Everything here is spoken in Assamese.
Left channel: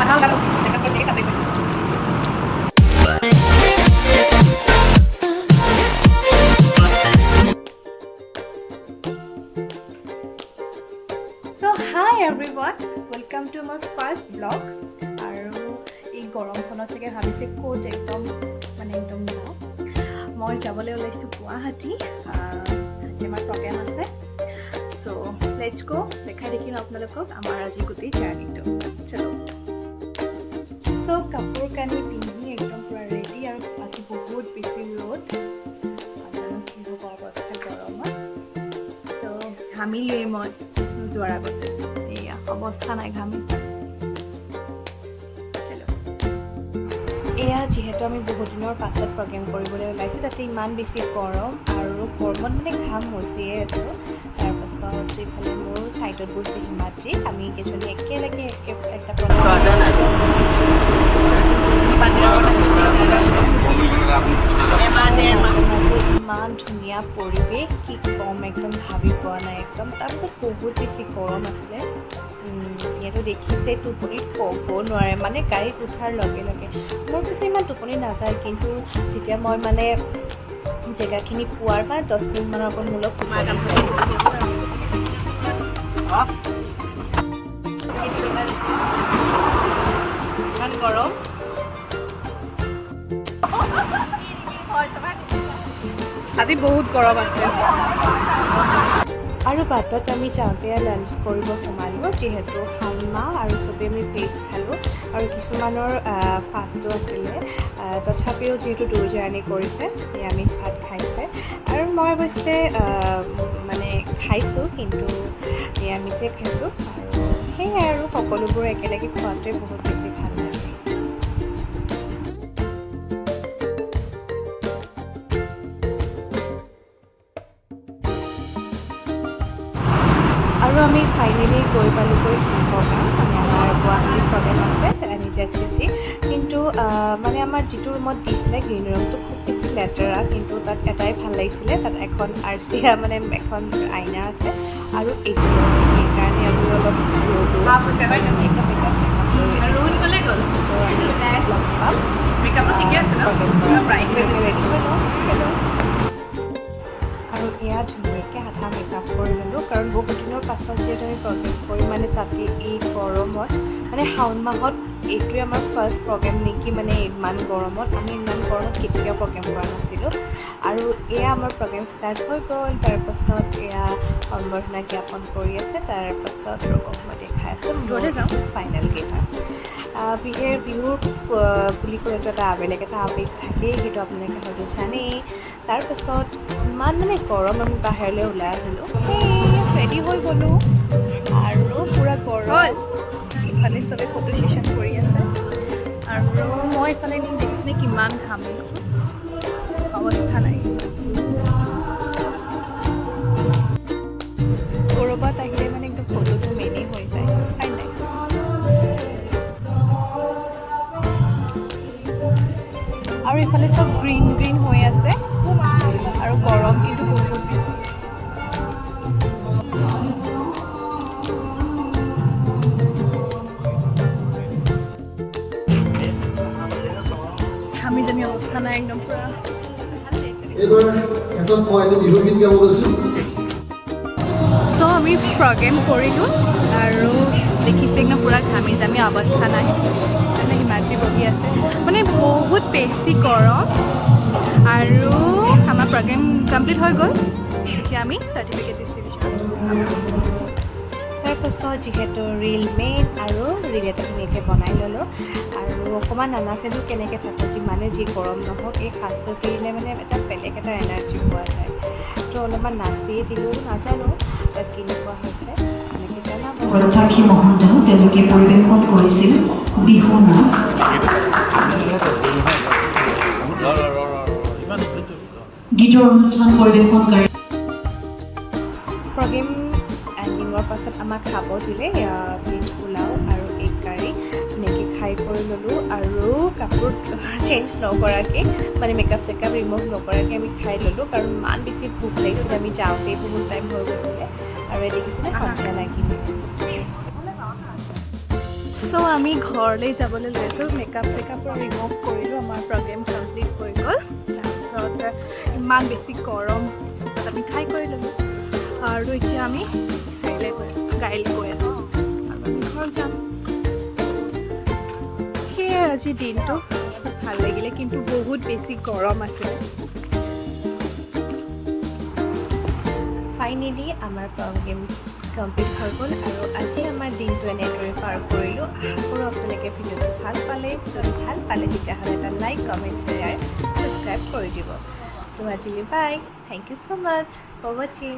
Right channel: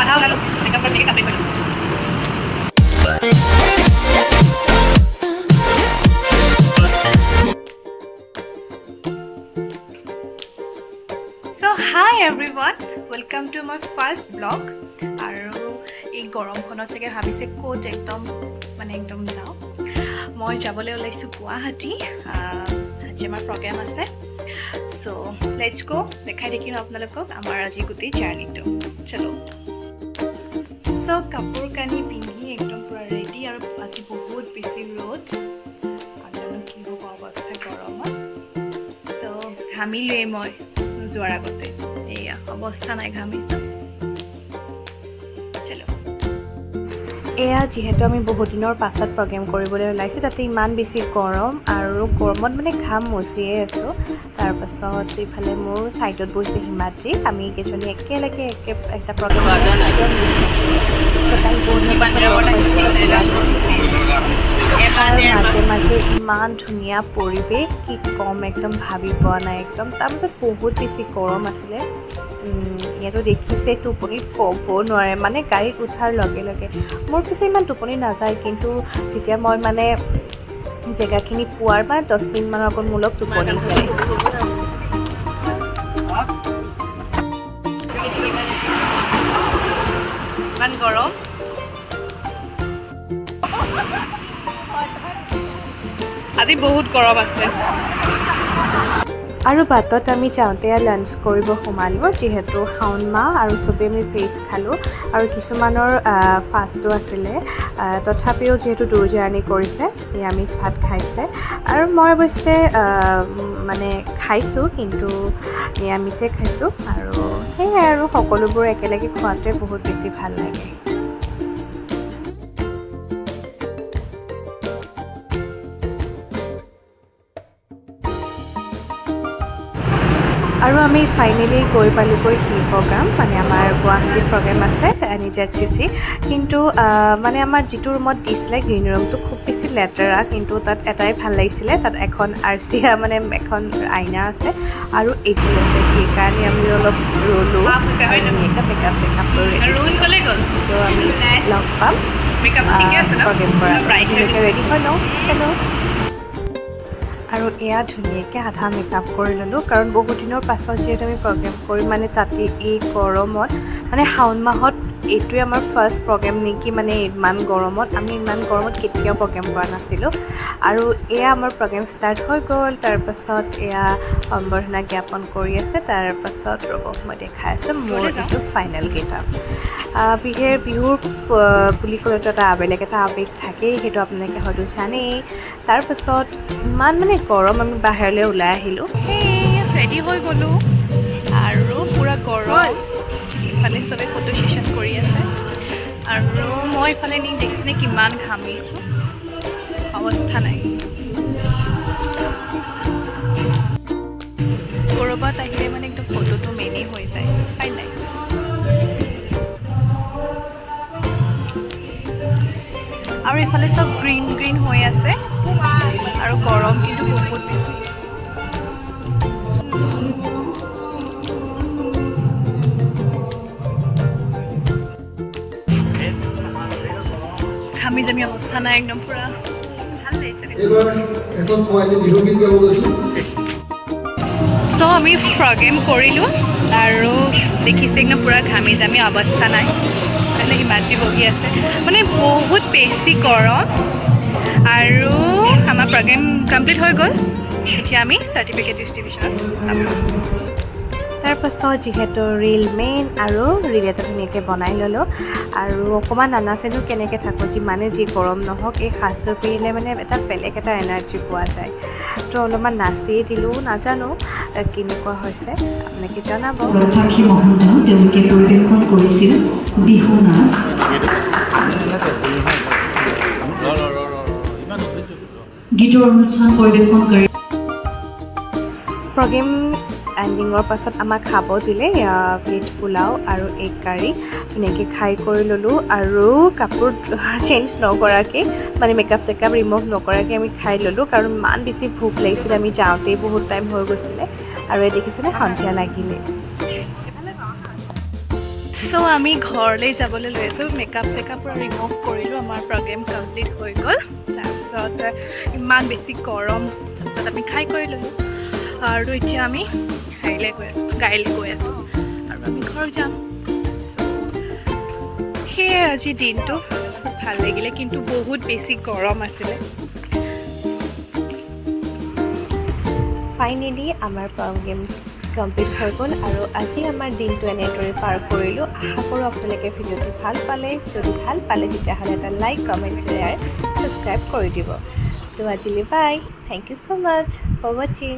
আধা ওলালো মেকআপ কৰি কমপ্লিট কৰিলোঁ Hi everyone, welcome to my first vlog. আৰু এই গৰমখনত চাগে ভাবিছে ক'ত একদম যাওঁ মই যাবলৈ ওলাইছোঁ গুৱাহাটী আজি আমাৰ প্ৰগ্ৰেম আছে চ' লেটছ গো দেখাই দেখিম আপোনালোকক আমাৰ আজি গোটেই জাৰ্ণিটো চলো চ' কাপোৰ কানি পিন্ধি একদম পূৰা ৰেডি আৰু আজি বহুত বেছি ৰ'দ আৰু কি হ'ব অৱস্থা গৰমত ত' ঘামিলোৱেই মই যোৱাৰ আগতে এয়া অৱস্থা নাই ঘামিছে চলো এয়া যিহেতু আমি বহুত দিনৰ পাছত প্ৰগ্ৰেম কৰিবলৈ ওলাইছোঁ তাতে ইমান বেছি গৰম আৰু গৰমত মানে ঘাম মচিয়ে আছোঁ তাৰপাছত এইফালে মোৰ ছাইডত বহিছে হিমাদ্ৰী আমি কেইজনী একেলগে এটা প্ৰগ্ৰেম মাজে মাজে ইমান ধুনীয়া পৰিৱেশ কি কম একদম ভাবি পোৱা নাই একদম তাৰপিছত বহুত বেছি গৰম আছিলে ইয়াতো দেখিছে টোপনিত ক'ব নোৱাৰে মানে গাড়ীত উঠাৰ লগে লগে মোৰ পিছে ইমান টোপনি নাযায় কিন্তু যেতিয়া মই মানে জেগাখিনি পোৱাৰ বা 10 মিনিটমানৰ আগত মোৰ লগত টোপনি ইমান গৰম আজি বহুত গৰম আছে আৰু বাটত আমি যাওঁতে লাঞ্চ কৰিব সোমালোঁ যিহেতু শাওণ মাহ আৰু চবেই আমি ভেজ খালোঁ আৰু কিছুমানৰ ফাষ্টো আছিলে তথাপিও যিহেতু দূৰ জাৰ্ণি কৰিছে নিৰামিষ ভাত খাইছে আৰু মই অৱশ্যে মানে খাইছোঁ কিন্তু নিৰামিষে খাইছোঁ আৰু সেয়াই আৰু সকলোবোৰ একেলগে খোৱাটোৱে বহুত বেছি ভাল লাগে আৰু আমি ফাইনেলি গৈ পালোঁগৈ শিল্পগ্ৰাম মানে আমাৰ গুৱাহাটীত প্ৰগ্ৰেম আছে NHSCC কিন্তু মানে আমাৰ যিটো ৰুমত দিছিলে গ্ৰীণ ৰুমটো খুব বেছি লেতেৰা কিন্তু তাত এটাই ভাল লাগিছিলে তাত এখন আৰচিয়া মানে এখন আইনা আছে আৰু এচি আছে সেইকাৰণে আমি অলপ ৰ'লোঁ লগ পাম ৰেডি হৈ লওঁ চলো আৰু এয়া ধুনীয়াকৈ আধা মেকআপ কৰি ল'লোঁ কাৰণ বহুত দিনৰ পাছত যিহেতু আমি প্ৰগ্ৰেম কৰিম মানে তাতে এই গৰমত মানে শাওণ মাহত এইটোৱে আমাৰ ফাৰ্ষ্ট প্ৰগ্ৰেম নেকি মানে ইমান গৰমত আমি ইমান গৰমত কেতিয়াও প্ৰগ্ৰেম কৰা নাছিলোঁ আৰু এয়া আমাৰ প্ৰগ্ৰেম ষ্টাৰ্ট হৈ গ'ল তাৰপাছত এয়া সম্বৰ্ধনা জ্ঞাপন কৰি আছে তাৰপাছত ৰ'ব মই দেখাই আছোঁ মোৰ যিটো ফাইনেল কেইটা বিহুৰ বুলি ক'লেতো এটা বেলেগ এটা আৱেগ থাকেই সেইটো আপোনালোকে হয়তো জানেই তাৰপাছত ইমান মানে গৰম আমি বাহিৰলৈ ওলাই আহিলোঁ সেই ৰেডি হৈ গ'লোঁ আৰু পূৰা গৰম ইফালে চবেই ফটো ছেশ্যন কৰি আছে আৰু মই ইফালে নি দেখিছেনে কিমান ঘামিছোঁ অৱস্থা নাই ক'ৰবাত আহিলে মানে একদম ফটোটো মেইনেই হৈ যায় হয় নাই আৰু ইফালে চব গ্ৰীণ গ্ৰীণ হৈ আছে আৰু গৰম কিন্তু বহুত বেছি ঘামি জামি অৱস্থা নাই একদম পূৰা ভাল লাগিছে চ' আমি প্ৰগ্ৰেম কৰিলোঁ আৰু দেখিছে একদম পূৰা ঘামি জামি অৱস্থা নাই মানে হিমাদ্ৰী বহি আছে মানে বহুত বেছি গৰম আৰু আমাৰ প্ৰগ্ৰেম কমপ্লিট হৈ গ'ল এতিয়া আমি চাৰ্টিফিকেট ডিষ্ট্ৰিবিউশ্যনত তাৰপাছত যিহেতু ৰিল মেইন আৰু ৰিল এটা ধুনীয়াকৈ বনাই ল'লোঁ আৰু অকণমান নানাচিলোঁ কেনেকৈ থাকোঁ যিমানে যি গৰম নহওক এই সাজযোৰ পিন্ধিলে মানে এটা বেলেগ এটা এনাৰ্জি পোৱা যায় তো অলপমান নাচিয়ে দিলোঁ নাজানো কেনেকুৱা হৈছে এনেকৈ জনাব সাক্ষী মহোদয় তেওঁলোকে পৰিৱেশন কৰিছিল বিহু নাচ গীতৰ অনুষ্ঠান পৰিৱেশন কৰি প্ৰগ্ৰেম এণ্ডিঙৰ পাছত আমাক খাব দিলে ভেজ পোলাও আৰু এগ কাৰী ধুনীয়াকৈ খাই কৰি ল'লোঁ আৰু কাপোৰ চেঞ্জ নকৰাকৈ মানে মেকআপ চেকআপ ৰিমুভ নকৰাকৈ আমি খাই ল'লোঁ কাৰণ ইমান বেছি ভোক লাগিছিলে আমি যাওঁতেই বহুত টাইম হৈ গৈছিলে আৰু এই দেখিছিলে সন্ধিয়া লাগিলে চ' আমি ঘৰলৈ যাবলৈ লৈ আছোঁ মেকআপ চেকআপ পূৰা ৰিমুভ কৰিলোঁ আমাৰ প্ৰগ্ৰেম কমপ্লিট হৈ গ'ল তাৰপিছত ইমান বেছি গৰম তাৰপিছত আমি খাই কৰি ল'লোঁ আৰু এতিয়া আমি হেৰিলৈ গৈ আছোঁ গাড়ীলৈ গৈ আছোঁ আৰু আমি ঘৰত যাম সেয়ে আজি দিনটো খুব ভাল লাগিলে কিন্তু বহুত বেছি গৰম আছিলে ফাইনেলি আমাৰ প্ৰগ্ৰেম কমপ্লিট হৈ গ'ল আৰু আজি আমাৰ দিনটো এনেদৰে পাৰ কৰিলোঁ আশা কৰোঁ আপোনালোকে ভিডিঅ'টো ভাল পালে যদি ভাল পালে তেতিয়াহ'লে এটা লাইক কমেণ্ট শ্বেয়াৰ ছাবস্ক্ৰাইব কৰি দিব তো আজিলৈ bye thank you so' much for ৱাচিং